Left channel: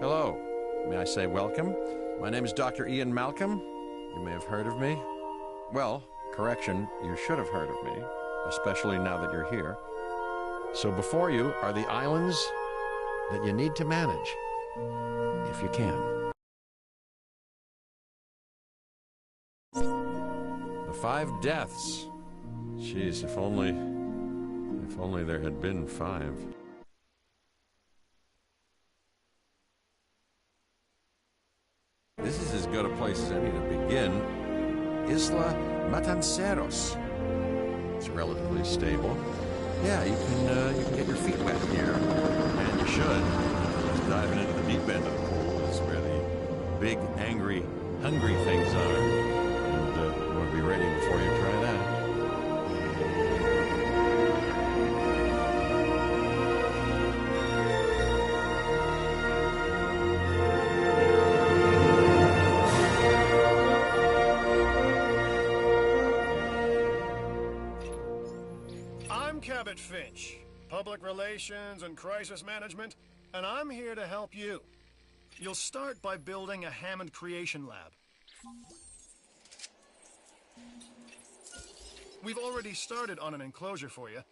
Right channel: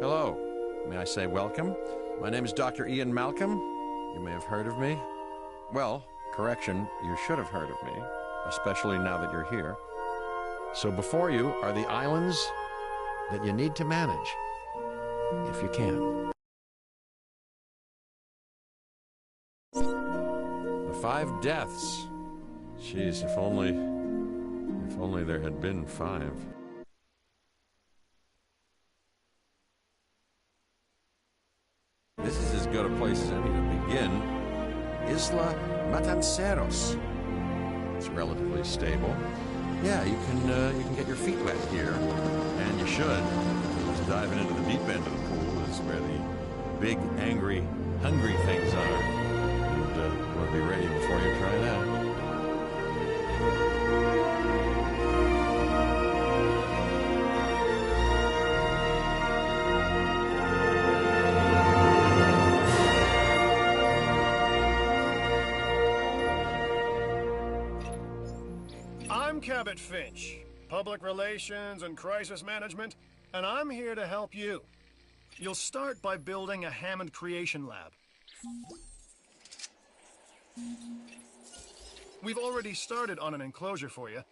Hello. May I say welcome? My name is Dr. Ian Malcolm. You may have heard of me. Well, correction, you should have heard of me, especially now that you're here. So before you are the islands that you need to manage, if you can. The 5 deaths. Jeez, if only there had been 5. This is as good a place as any to begin. Isla Matanceros. It's relatively stable. Yeah, you can get your feet wet here, and you should. Just diving into the deep end of the pool is where the big, angry, hungry things are. And you want to be ready before you try that. I'm Cabot Finch, Public Relations and Crisis Management, and I'm here to help you. You'll start by building a Hammond Creation Lab. We've already started on an enclosure for you.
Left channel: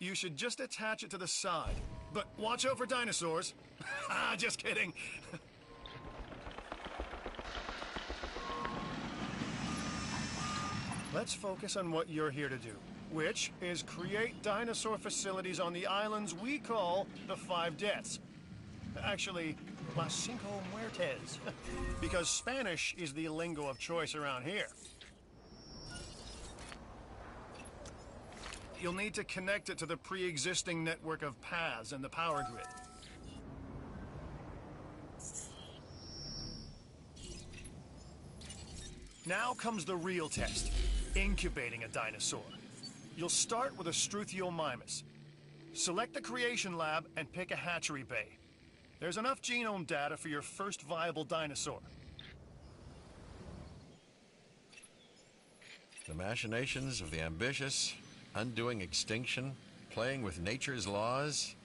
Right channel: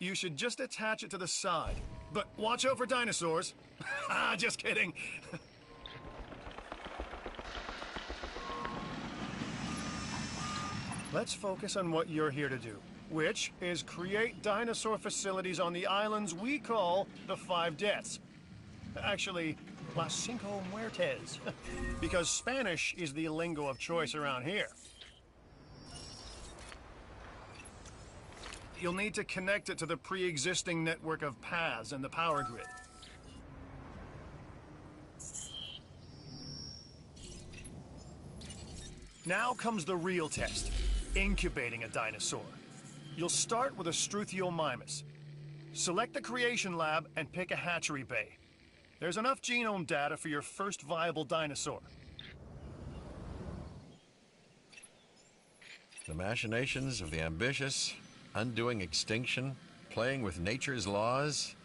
You should just attach it to the side. But watch out for dinosaurs. Just kidding. Let's focus on what you're here to do, which is create dinosaur facilities on the islands we call the 5 Deaths. Actually, Las Cinco Muertes, because Spanish is the lingo of choice around here. You'll need to connect it to the pre-existing network of paths and the power grid. Now comes the real test, incubating a dinosaur. You'll start with a Struthiomimus. Select the creation lab and pick a hatchery bay. There's enough genome data for your first viable dinosaur. The machinations of the ambitious, undoing extinction, playing with nature's laws.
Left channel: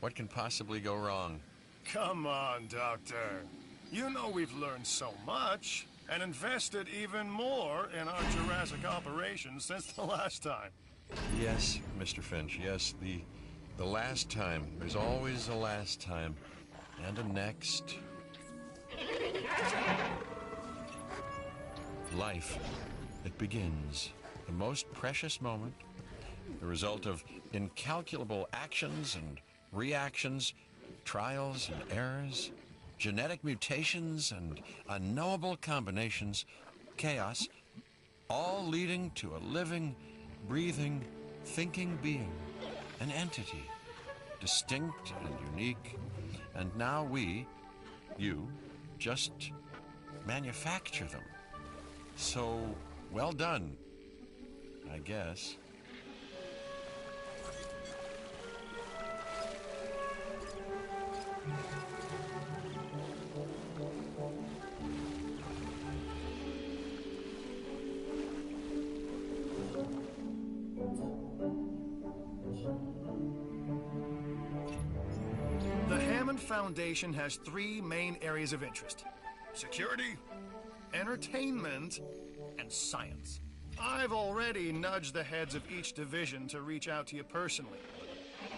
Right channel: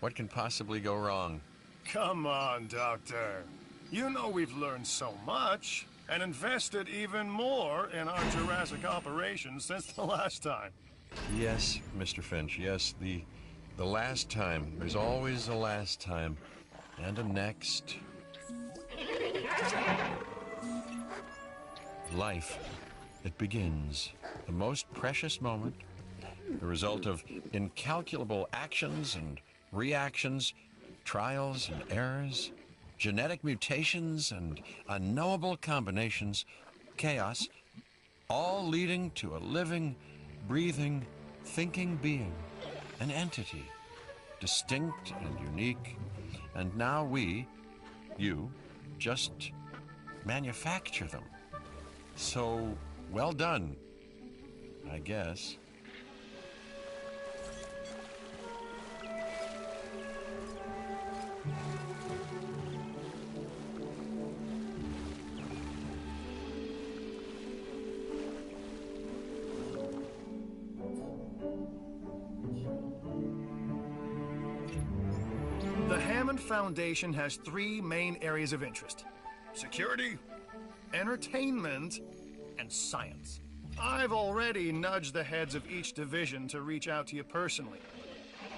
What can possibly go wrong? Come on, Doctor. You know we've learned so much and invested even more in our Jurassic operations since the last time. Yes, Mr. Finch, yes, the last time. There's always a last time. And a next. Life. It begins. The most precious moment. The result of incalculable actions and reactions, trials and errors, genetic mutations and unknowable combinations, chaos, all leading to a living, breathing, thinking being, an entity, distinct and unique. And now we, you, just manufacture them. So, well done, I guess. The Hammond Foundation has 3 main areas of interest: security, entertainment, and science. I've already nudged the heads of each division to reach out to you personally.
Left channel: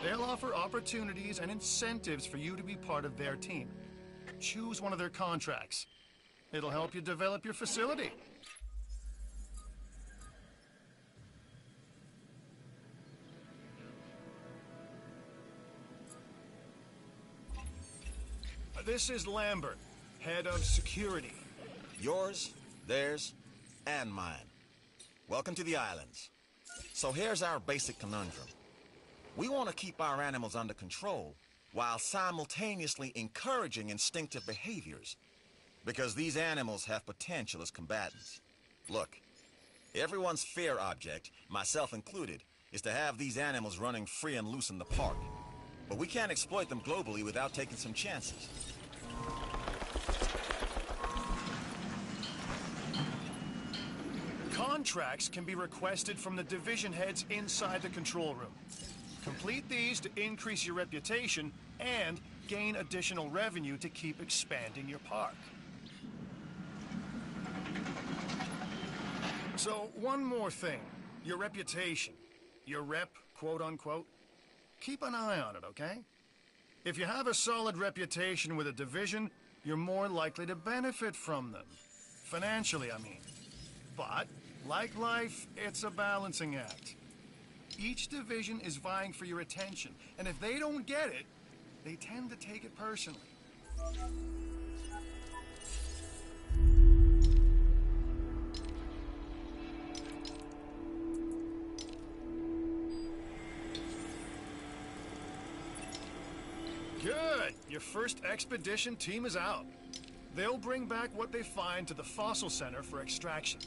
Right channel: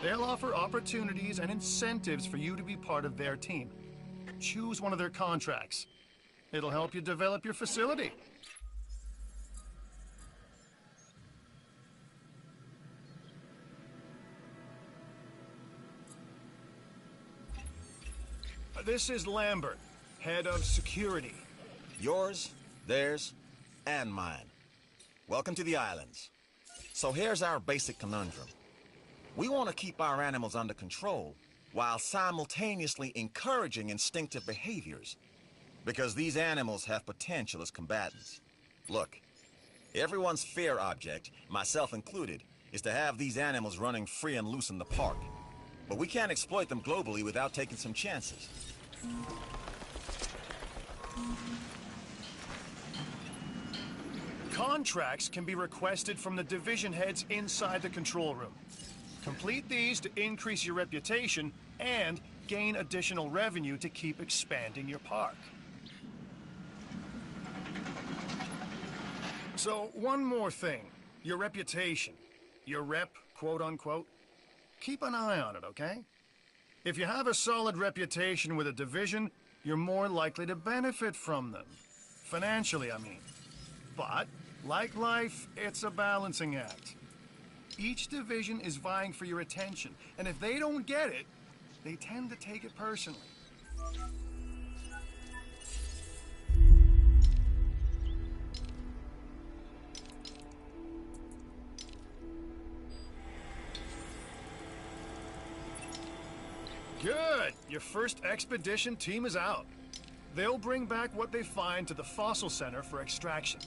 They'll offer opportunities and incentives for you to be part of their team. Choose one of their contracts. It'll help you develop your facility. This is Lambert, head of security. Yours, theirs, and mine. Welcome to the islands. So here's our basic conundrum. We want to keep our animals under control while simultaneously encouraging instinctive behaviors, because these animals have potential as combatants. Look, everyone's fear object, myself included, is to have these animals running free and loose in the park. But we can't exploit them globally without taking some chances. Contracts can be requested from the division heads inside the control room. Complete these to increase your reputation and gain additional revenue to keep expanding your park. So, one more thing. Your reputation. Your rep, quote unquote. Keep an eye on it, okay? If you have a solid reputation with a division, you're more likely to benefit from them. Financially, I mean. But, like life, it's a balancing act. Each division is vying for your attention, and if they don't get it, they tend to take it personally. Good! Your first expedition team is out. They'll bring back what they find to the fossil center for extraction.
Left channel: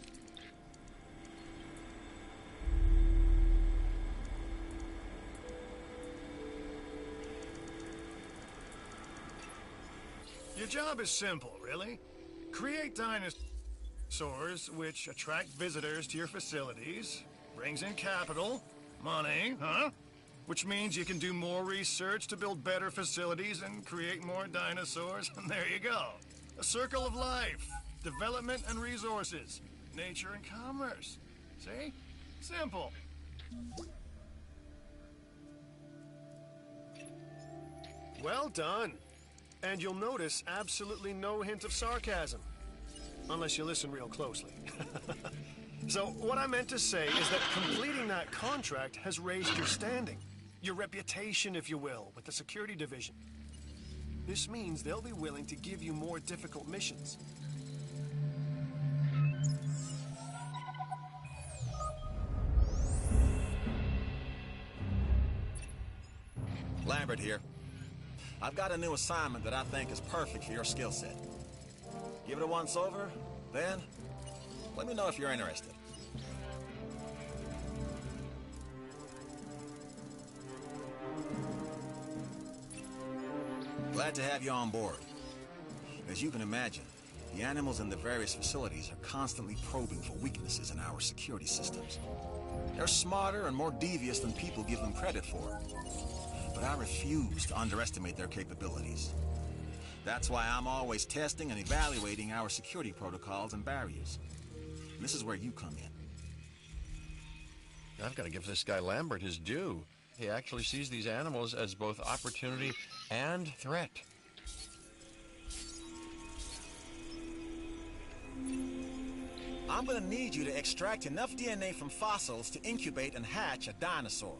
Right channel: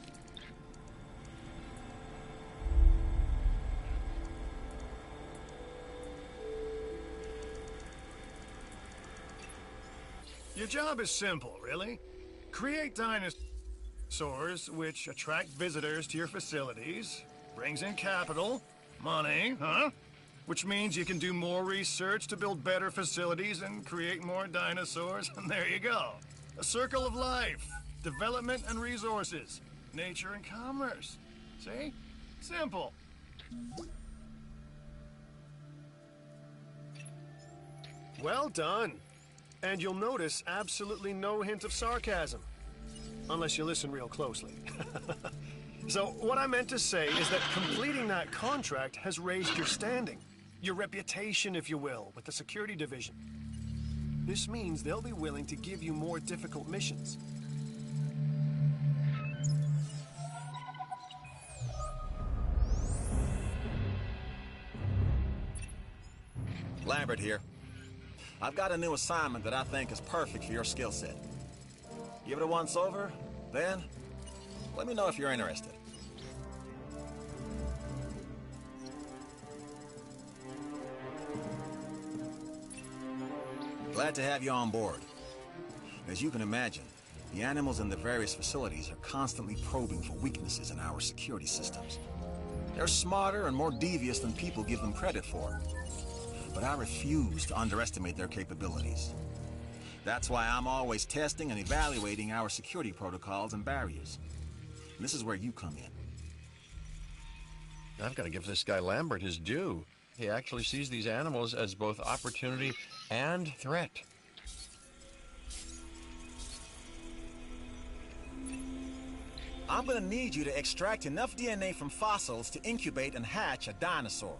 Your job is simple, really. Create dinosaurs which attract visitors to your facilities, brings in capital, money, huh? Which means you can do more research to build better facilities and create more dinosaurs, and there you go. A circle of life, development and resources, nature and commerce. See? Simple. Well done. And you'll notice absolutely no hint of sarcasm. Unless you listen real closely. So, what I meant to say is that completing that contract has raised your standing. Your reputation, if you will, with the security division. This means they'll be willing to give you more difficult missions. Lambert here. I've got a new assignment that I think is perfect for your skill set. Give it a once over, then let me know if you're interested. Glad to have you on board. As you can imagine, the animals in the various facilities are constantly probing for weaknesses in our security systems. They're smarter and more devious than people give them credit for. But I refuse to underestimate their capabilities. That's why I'm always testing and evaluating our security protocols and barriers. And this is where you come in. I've got to give this guy Lambert his due. He actually sees these animals as both opportunity and threat. I'm gonna need you to extract enough DNA from fossils to incubate and hatch a dinosaur.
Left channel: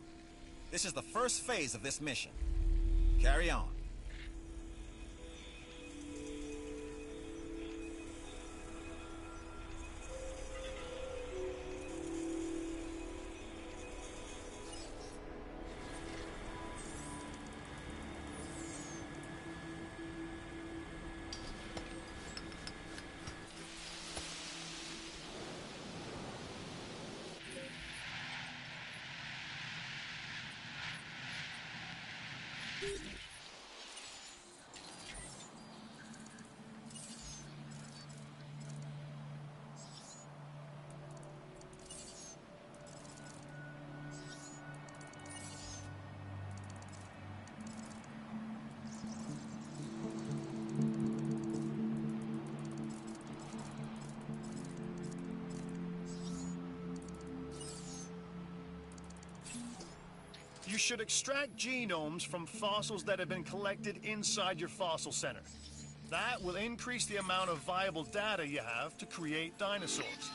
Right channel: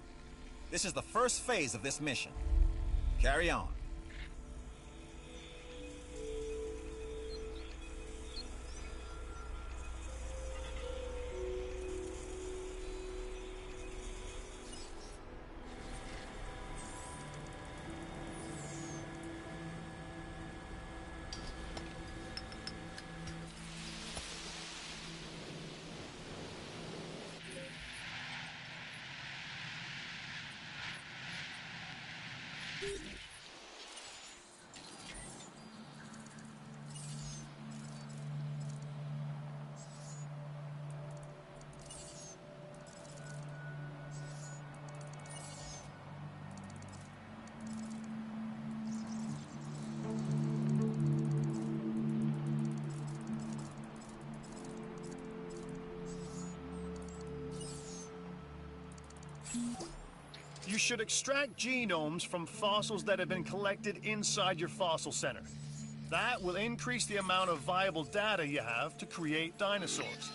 This is the first phase of this mission. Carry on. You should extract genomes from fossils that have been collected inside your fossil center. That will increase the amount of viable data you have to create dinosaurs.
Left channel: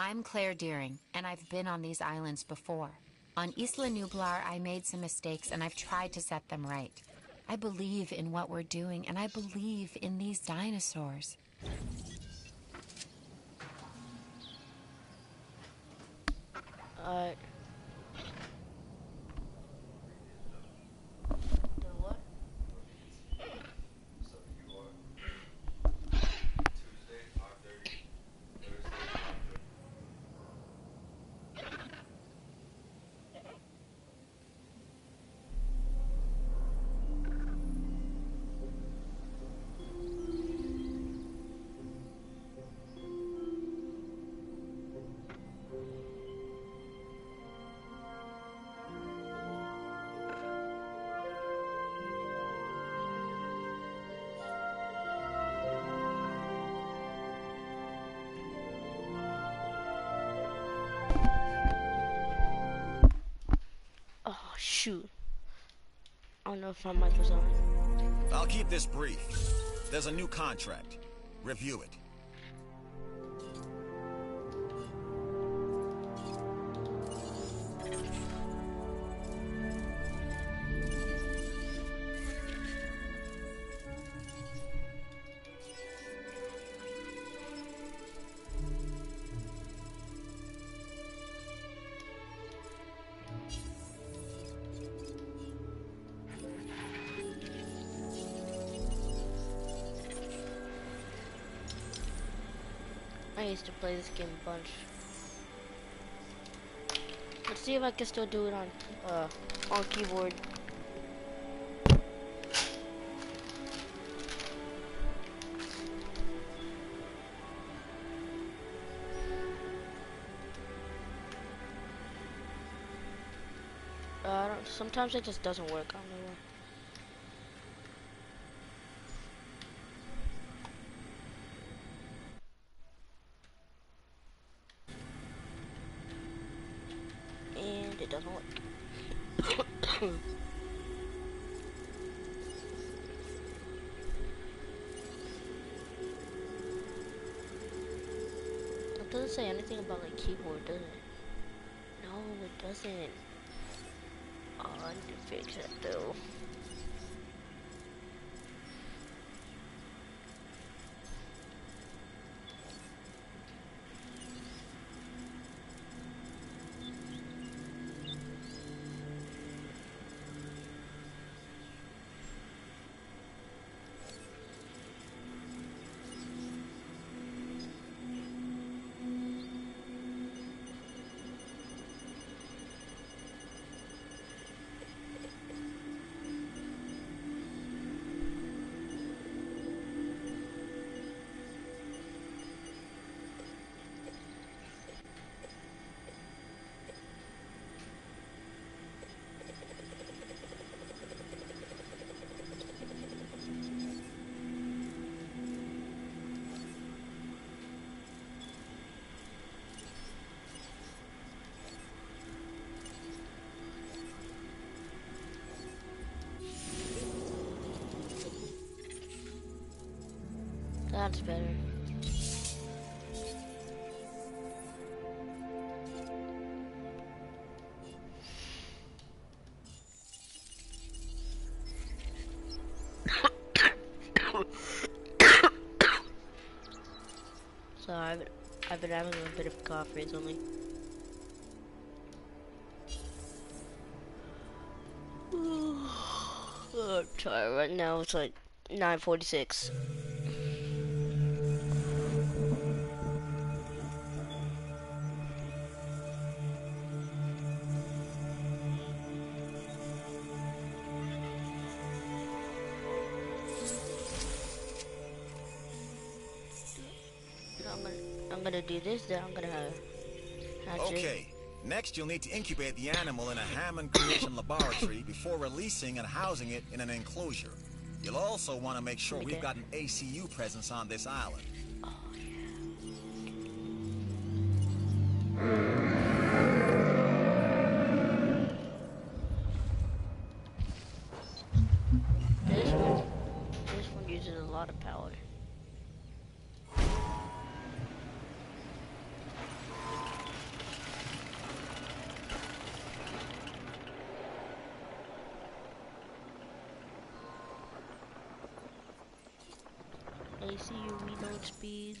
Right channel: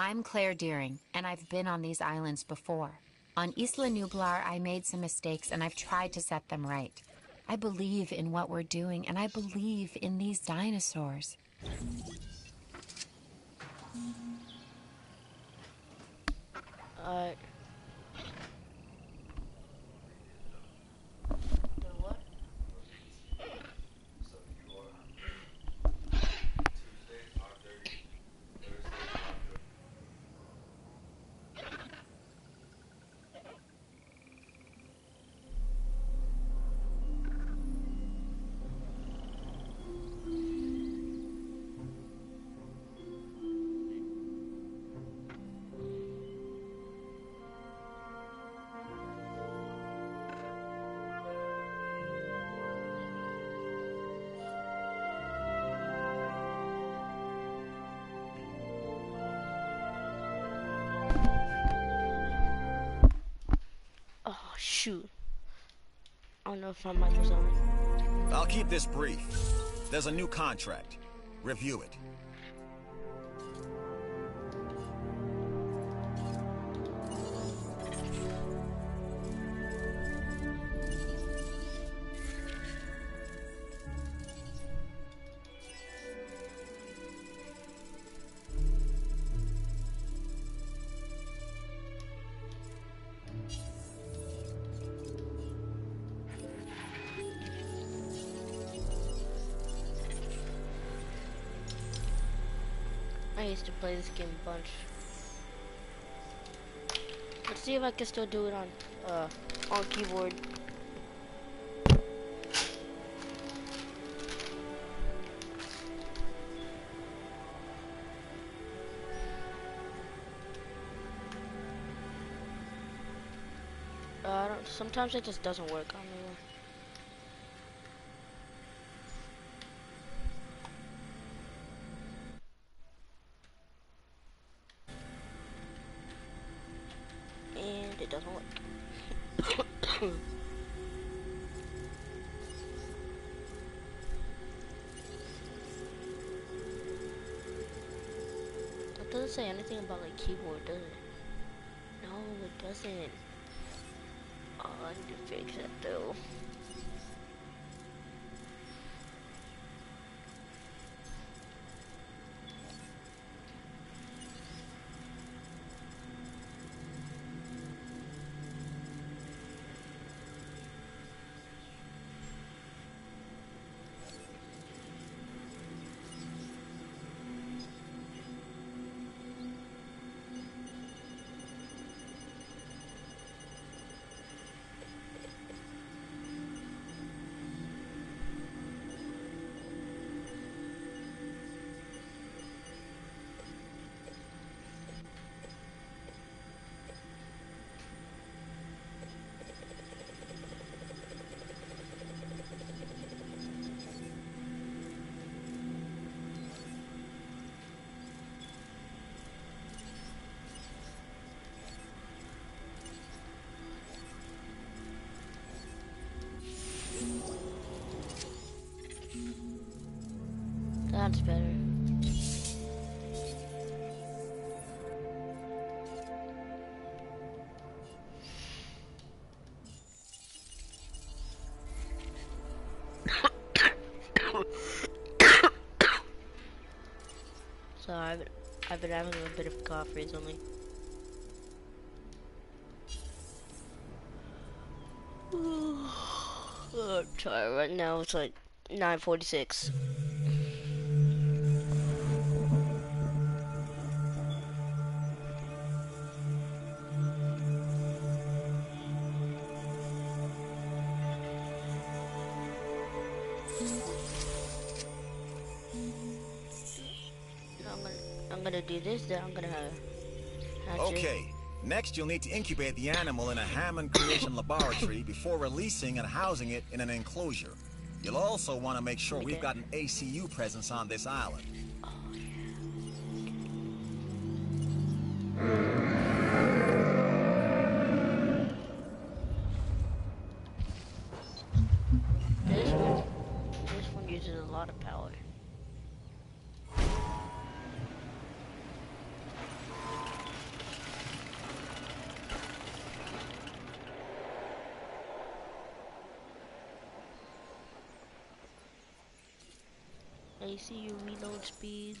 I'm Claire Deering, and I've been on these islands before. On Isla Nublar, I made some mistakes, and I've tried to set them right. I believe in what we're doing, and I believe in these dinosaurs. Alright. Oh, shoot. I don't know if my mic was on. I'll keep this brief. There's a new contract. Review it. I used to play this game a bunch. Let's see if I can still do it on keyboard. Sometimes it just doesn't work. I don't know why. And it doesn't work. It doesn't say anything about like keyboard, does it? No, it doesn't. Oh, I need to fix that though. That's better. Sorry, I've been having a bit of cough recently. I'm tired right now. It's like 9:46. I'm gonna do this, then I'm gonna hatch Okay. Next, you'll need to incubate the animal in a Hammond creation laboratory before releasing and housing it in an enclosure. You'll also want to make sure we've got an ACU presence on this island. Oh, yeah. This one uses a lot of power. ACU reload speed.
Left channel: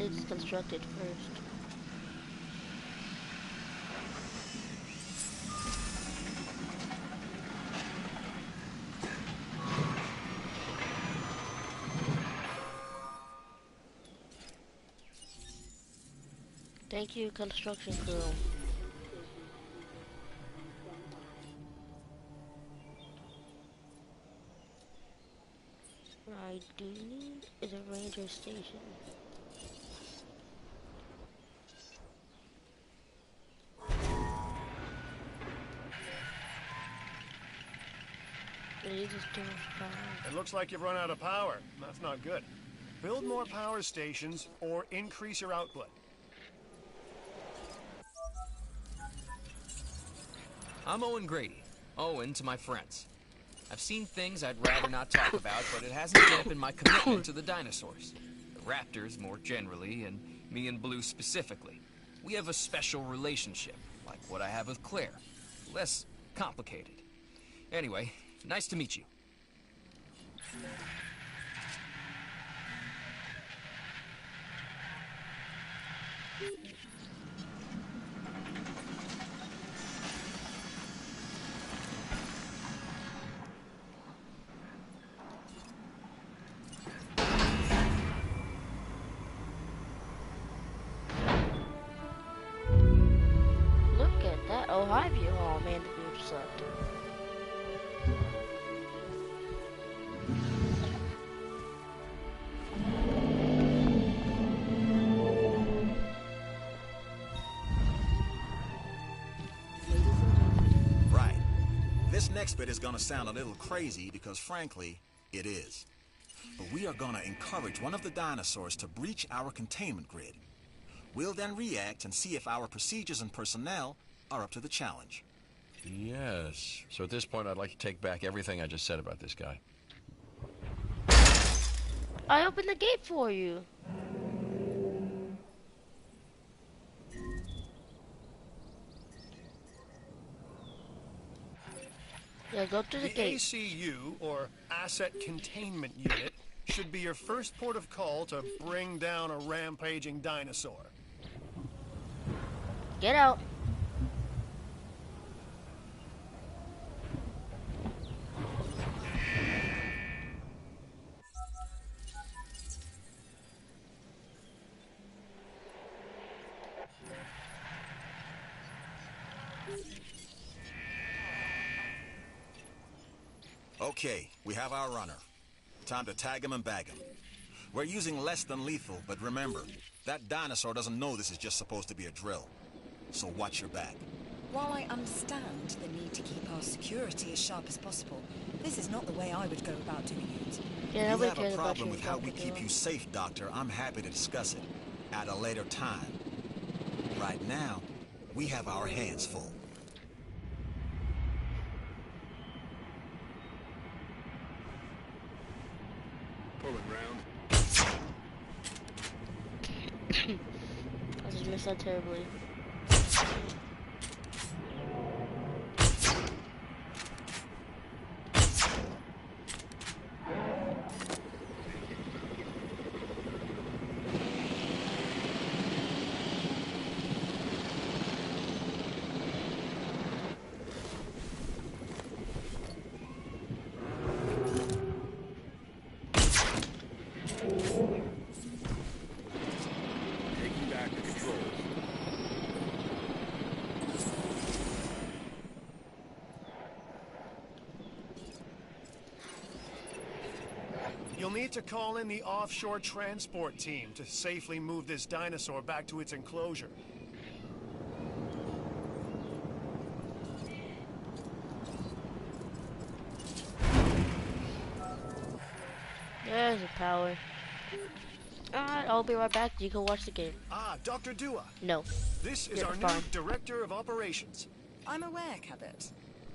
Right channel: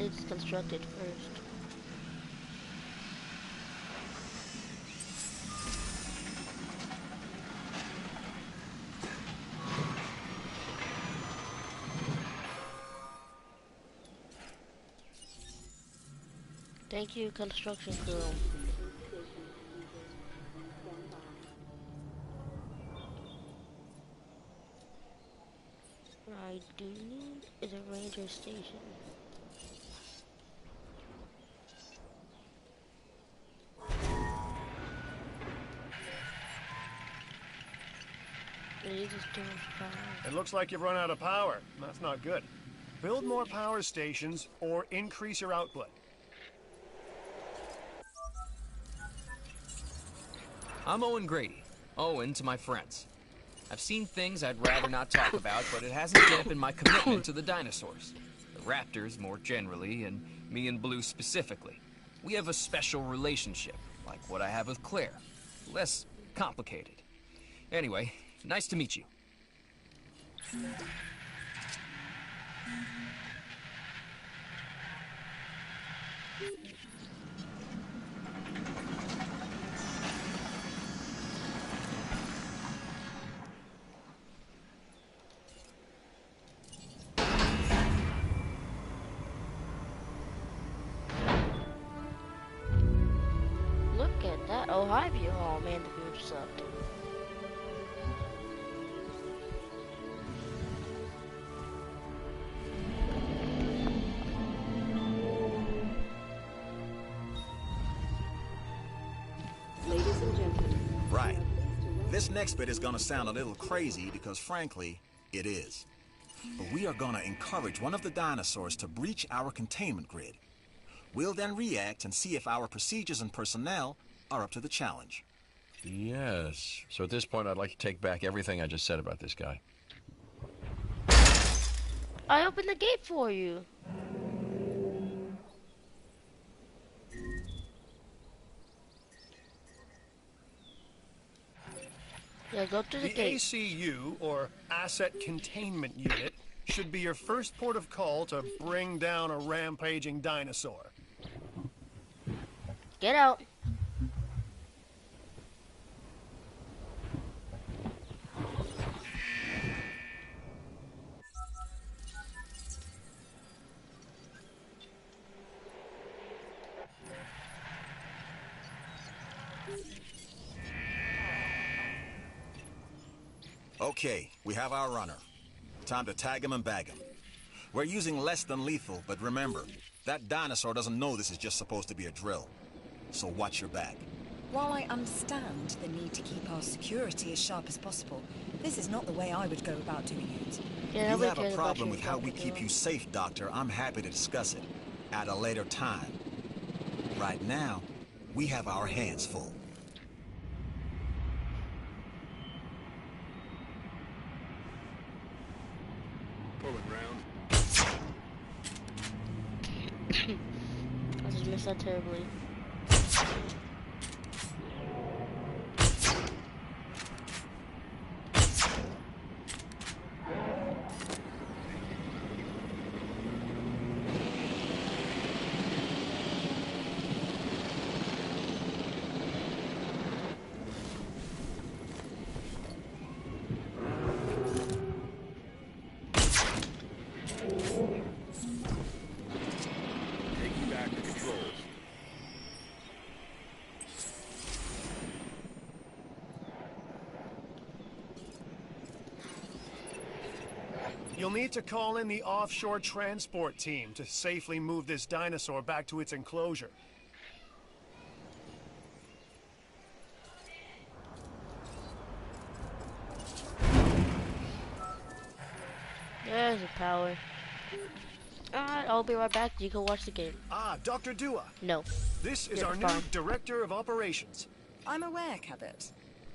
It's constructed first. Thank you, construction crew. I do need is a ranger station. It is too much power. It looks like you've run out of power. That's not good. Build more power stations or increase your output. I'm Owen Grady. Owen to my friends. I've seen things I'd rather not talk about, but it hasn't dampened my commitment to the dinosaurs. The raptors, more generally, and me and Blue specifically. We have a special relationship, like what I have with Claire. Less complicated. Anyway, nice to meet you. Look at that. Oh, hi, view. Oh, man, the view sucked. Right. This next bit is gonna sound a little crazy because, frankly, it is. But we are gonna encourage one of the dinosaurs to breach our containment grid. We'll then react and see if our procedures and personnel are up to the challenge. Yes. So at this point, I'd like to take back everything I just said about this guy. I opened the gate for you. Yeah, go to the The gate. ACU, or Asset Containment Unit, should be your first port of call to bring down a rampaging dinosaur. Get out. Okay, we have our runner. Time to tag him and bag him. We're using less than lethal, but remember, that dinosaur doesn't know this is just supposed to be a drill. So watch your back. While I understand the need to keep our security as sharp as possible, this is not the way I would go about doing it. Yeah, You nobody have a cares about problem you, with how we Dr. keep Doom. you safe, Doctor. I'm happy to discuss it at a later time. Right now, we have our hands full. Pulling round. I just missed that terribly. Taking back the controls. You'll need to call in the offshore transport team to safely move this dinosaur back to its enclosure. There's the power. Alright, I'll be right back. You can watch the game. Ah, Dr. Dua. No. This is You're our fine. new Director of Operations. I'm aware, Cabot.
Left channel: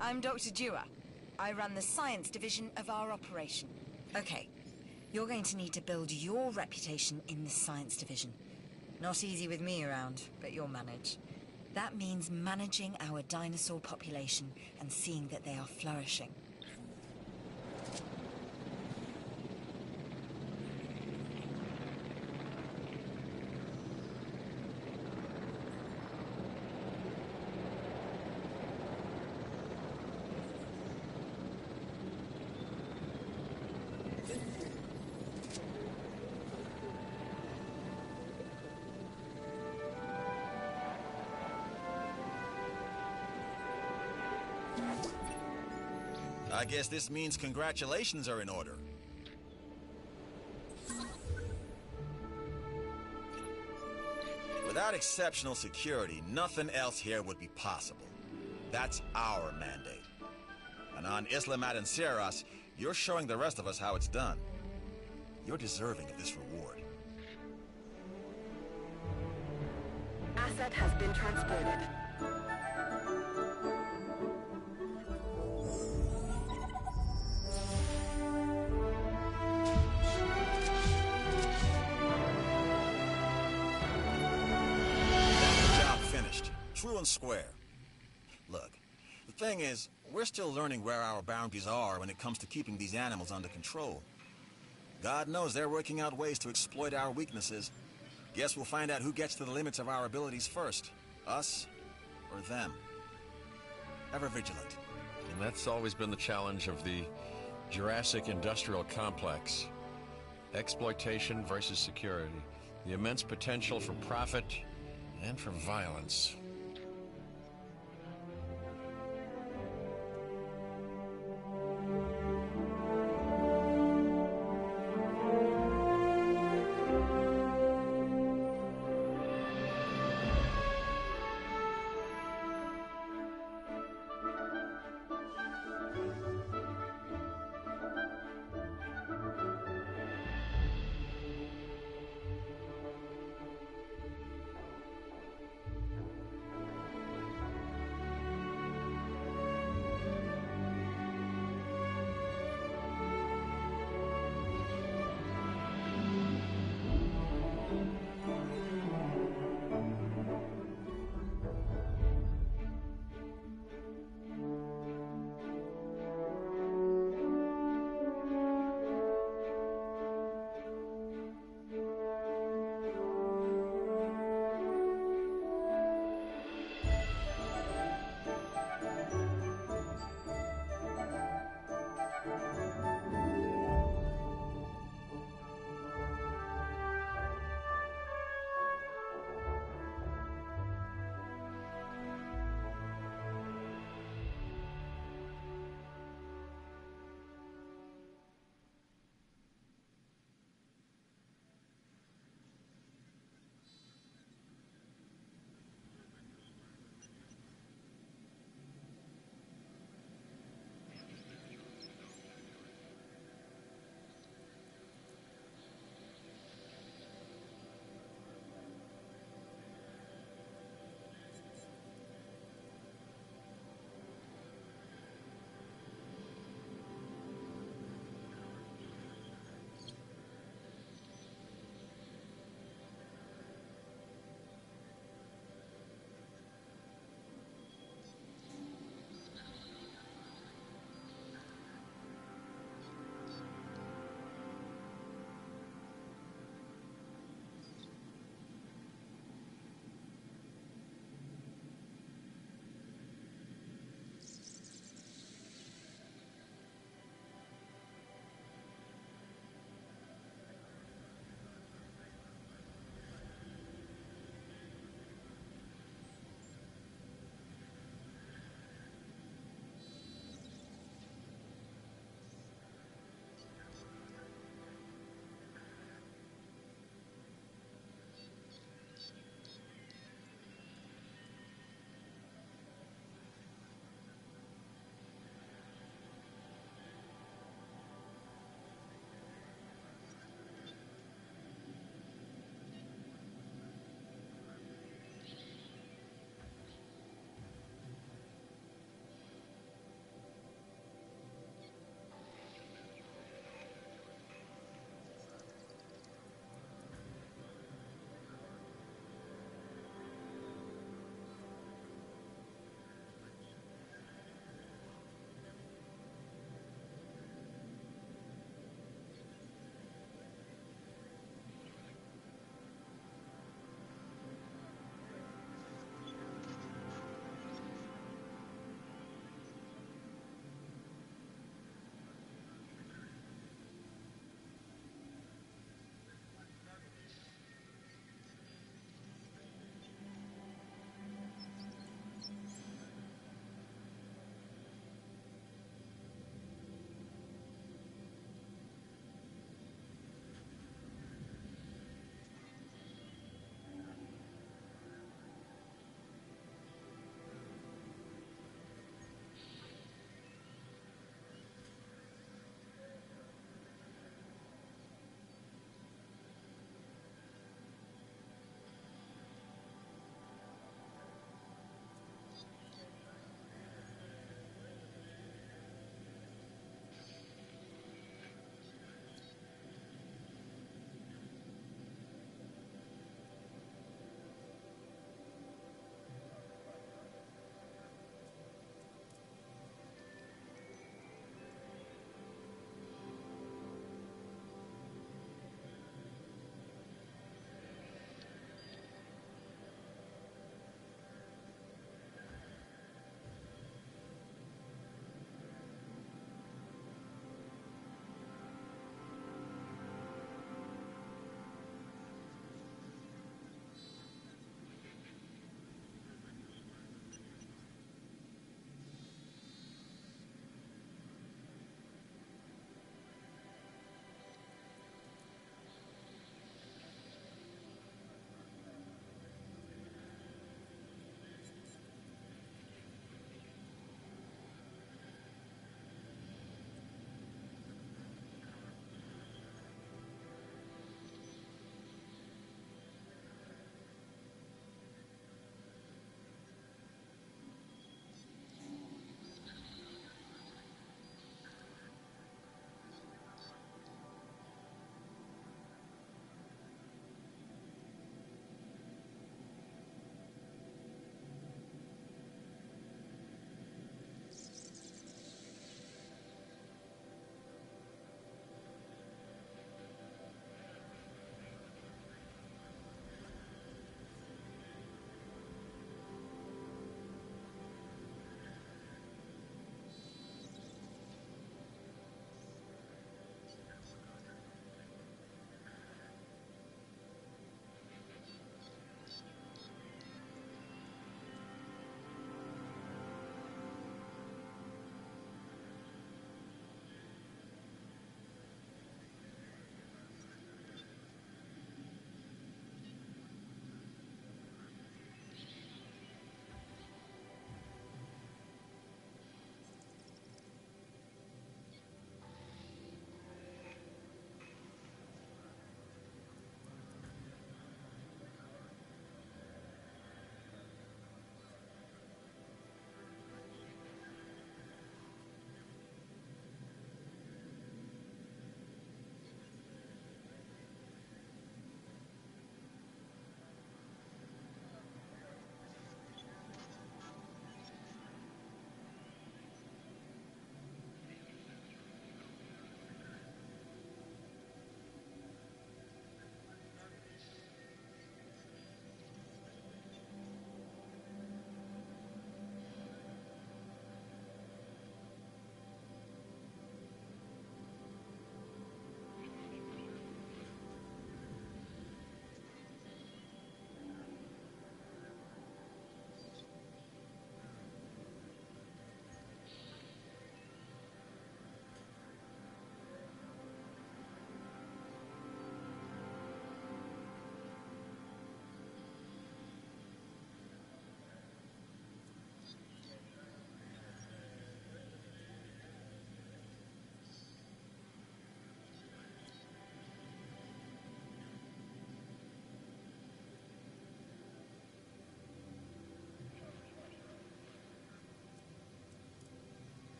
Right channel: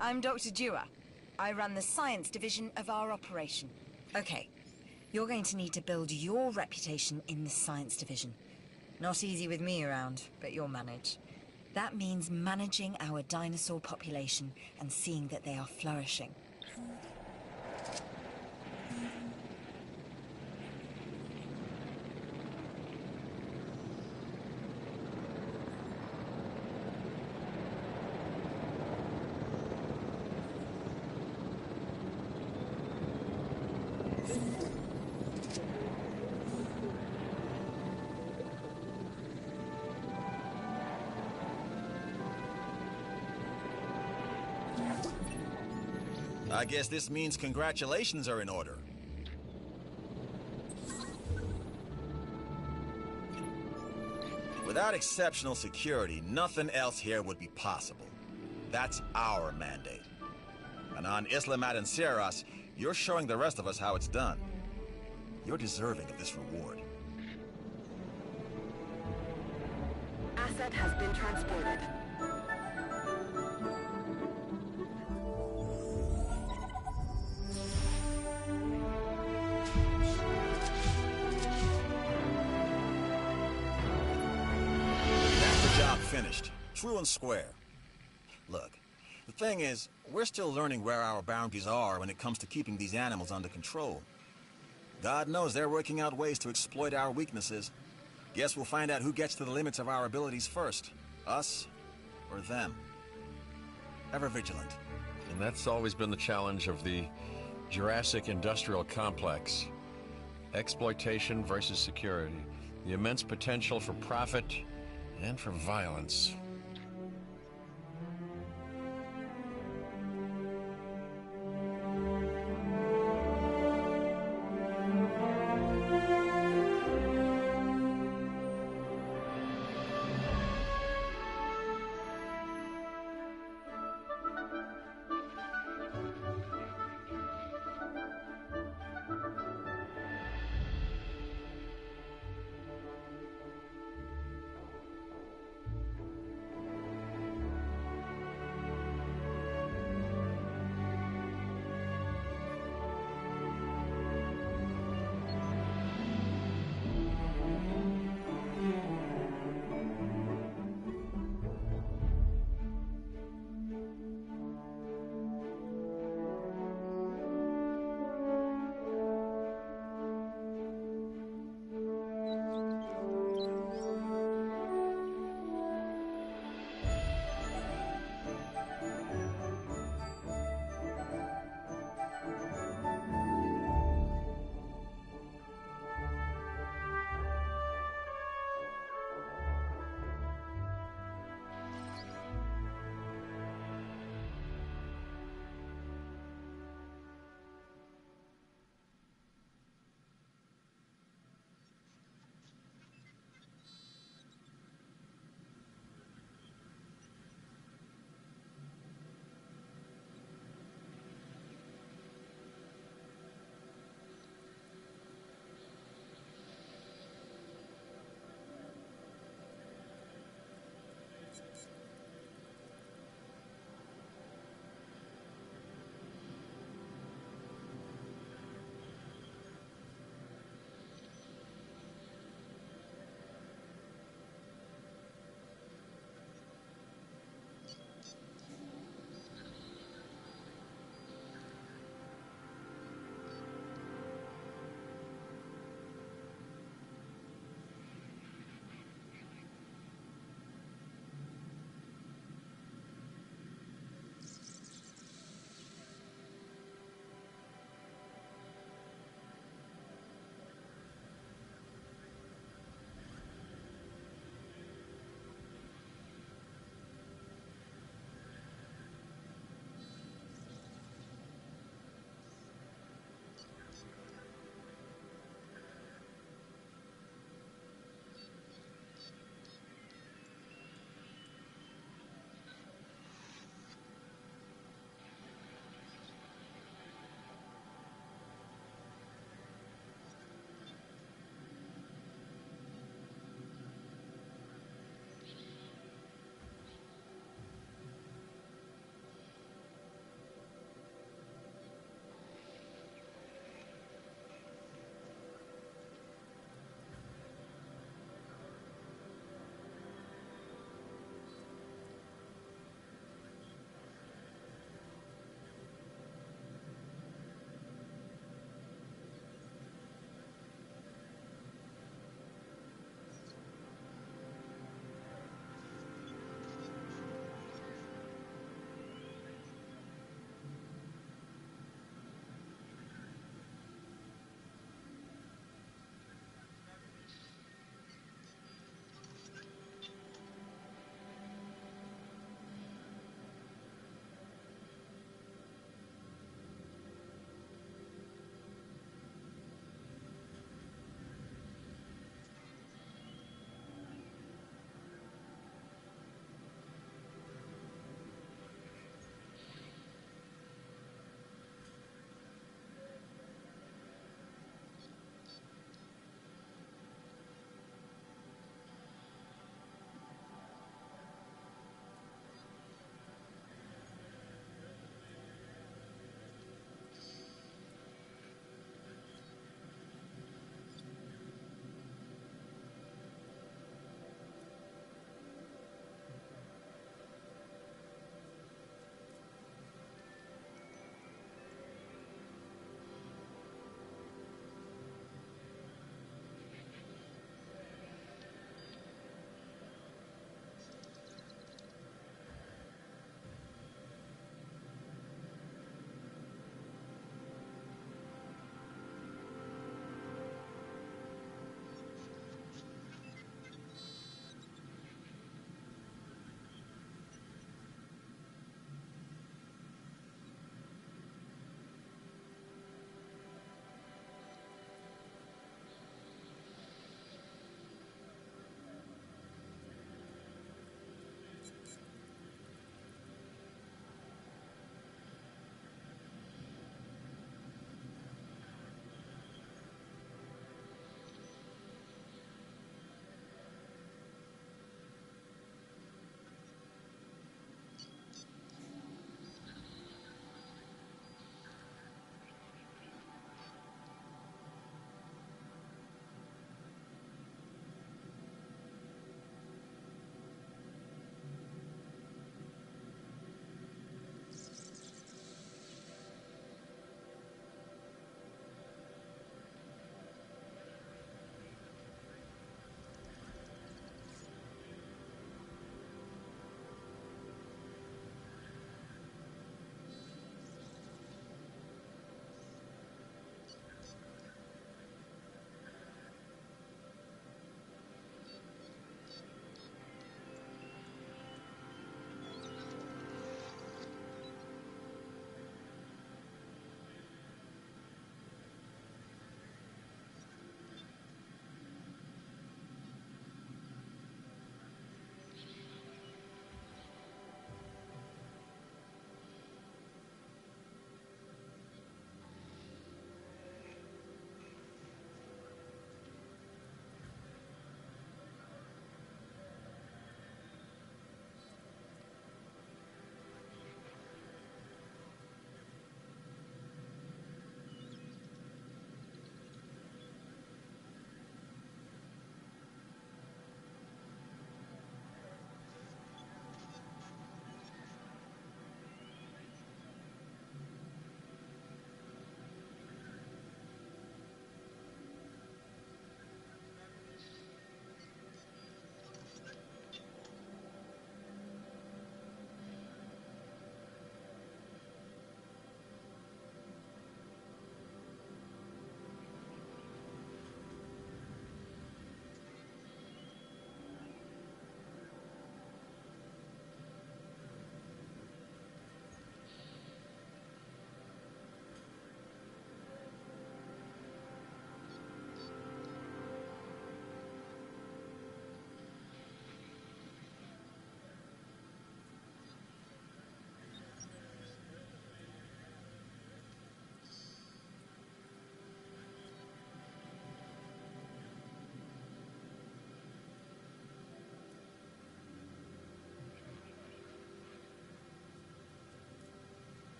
I'm Dr. Dua. I run the science division of our operation. Okay, you're going to need to build your reputation in the science division. Not easy with me around, but you'll manage. That means managing our dinosaur population and seeing that they are flourishing. I guess this means congratulations are in order. Without exceptional security, nothing else here would be possible. That's our mandate. And on Isla Matanceros, you're showing the rest of us how it's done. You're deserving of this reward. Asset has been transported. That's the job finished. True and square. Look, the thing is, we're still learning where our boundaries are when it comes to keeping these animals under control. God knows they're working out ways to exploit our weaknesses. Guess we'll find out who gets to the limits of our abilities first. Us or them. Ever vigilant. And that's always been the challenge of the Jurassic industrial complex. Exploitation versus security. The immense potential for profit and for violence.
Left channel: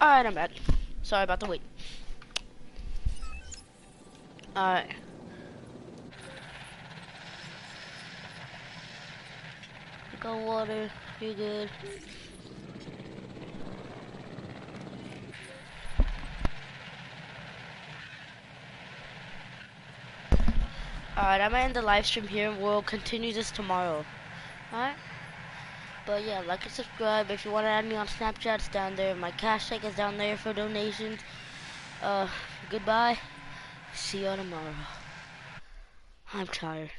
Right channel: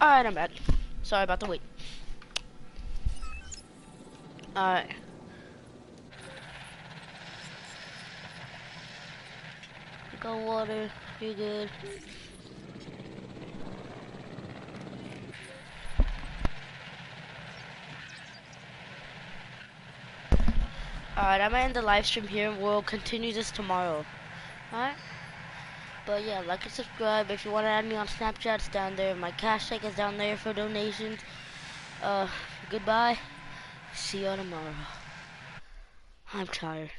Alright, I'm back. Sorry about the wait. Alright. You got water. You're good. Alright, I'm gonna end the live stream here and we'll continue this tomorrow. Alright? But yeah, like and subscribe. If you want to add me on Snapchat, it's down there. My cash check is down there for donations. Goodbye. See you tomorrow. I'm tired.